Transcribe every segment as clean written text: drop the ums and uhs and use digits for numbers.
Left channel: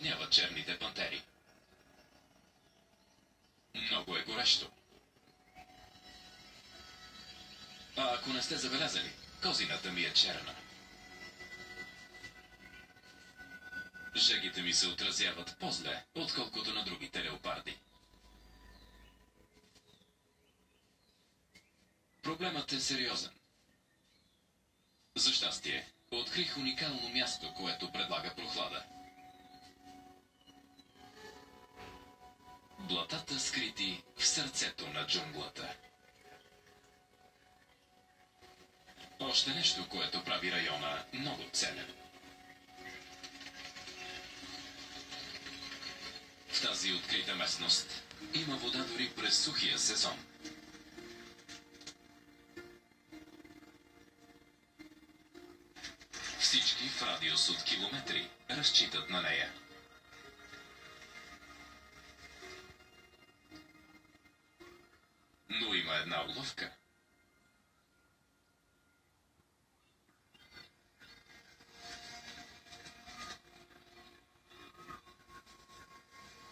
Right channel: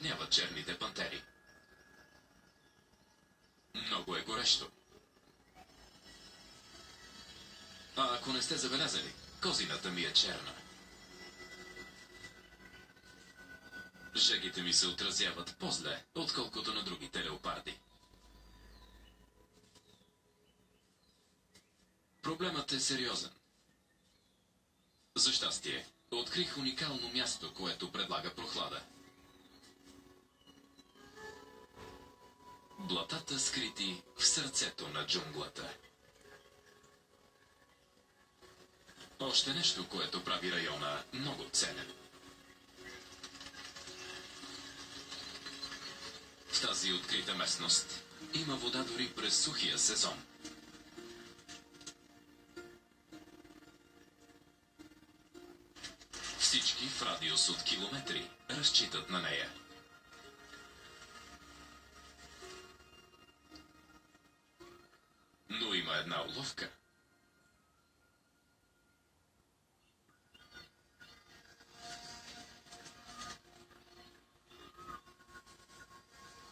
наводняват черните пантери. Много е горещо. А ако не сте забелязали, козината ми е черна. Жегите ми се отразяват по-зле, отколкото на другите леопарди. Проблемът е сериозен. За щастие, открих уникално място, което предлага прохлада. Блатата, скрити в сърцето на джунглата. Още нещо, което прави района много ценен. В тази открита местност има вода дори през сухия сезон. Всички в радиус от километри разчитат на нея. Но има една уловка.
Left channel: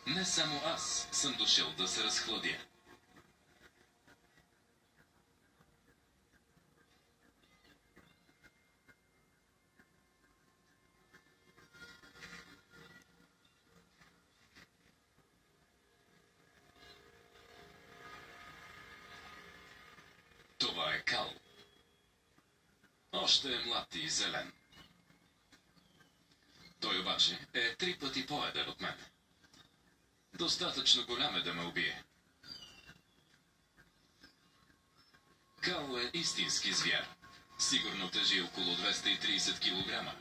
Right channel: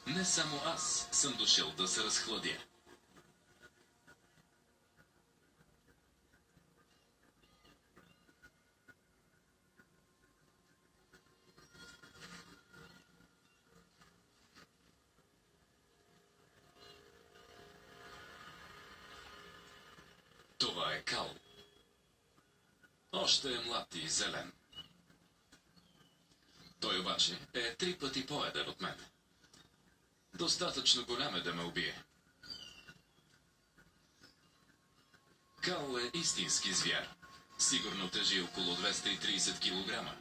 Не само аз съм дошъл да се разхладя. Това е Кал. Още е млад и зелен. Той обаче е 3 пъти по-едър от мен. Достатъчно голям е да ме убие. Кал е истински звяр. Сигурно тежи около 230 килограма.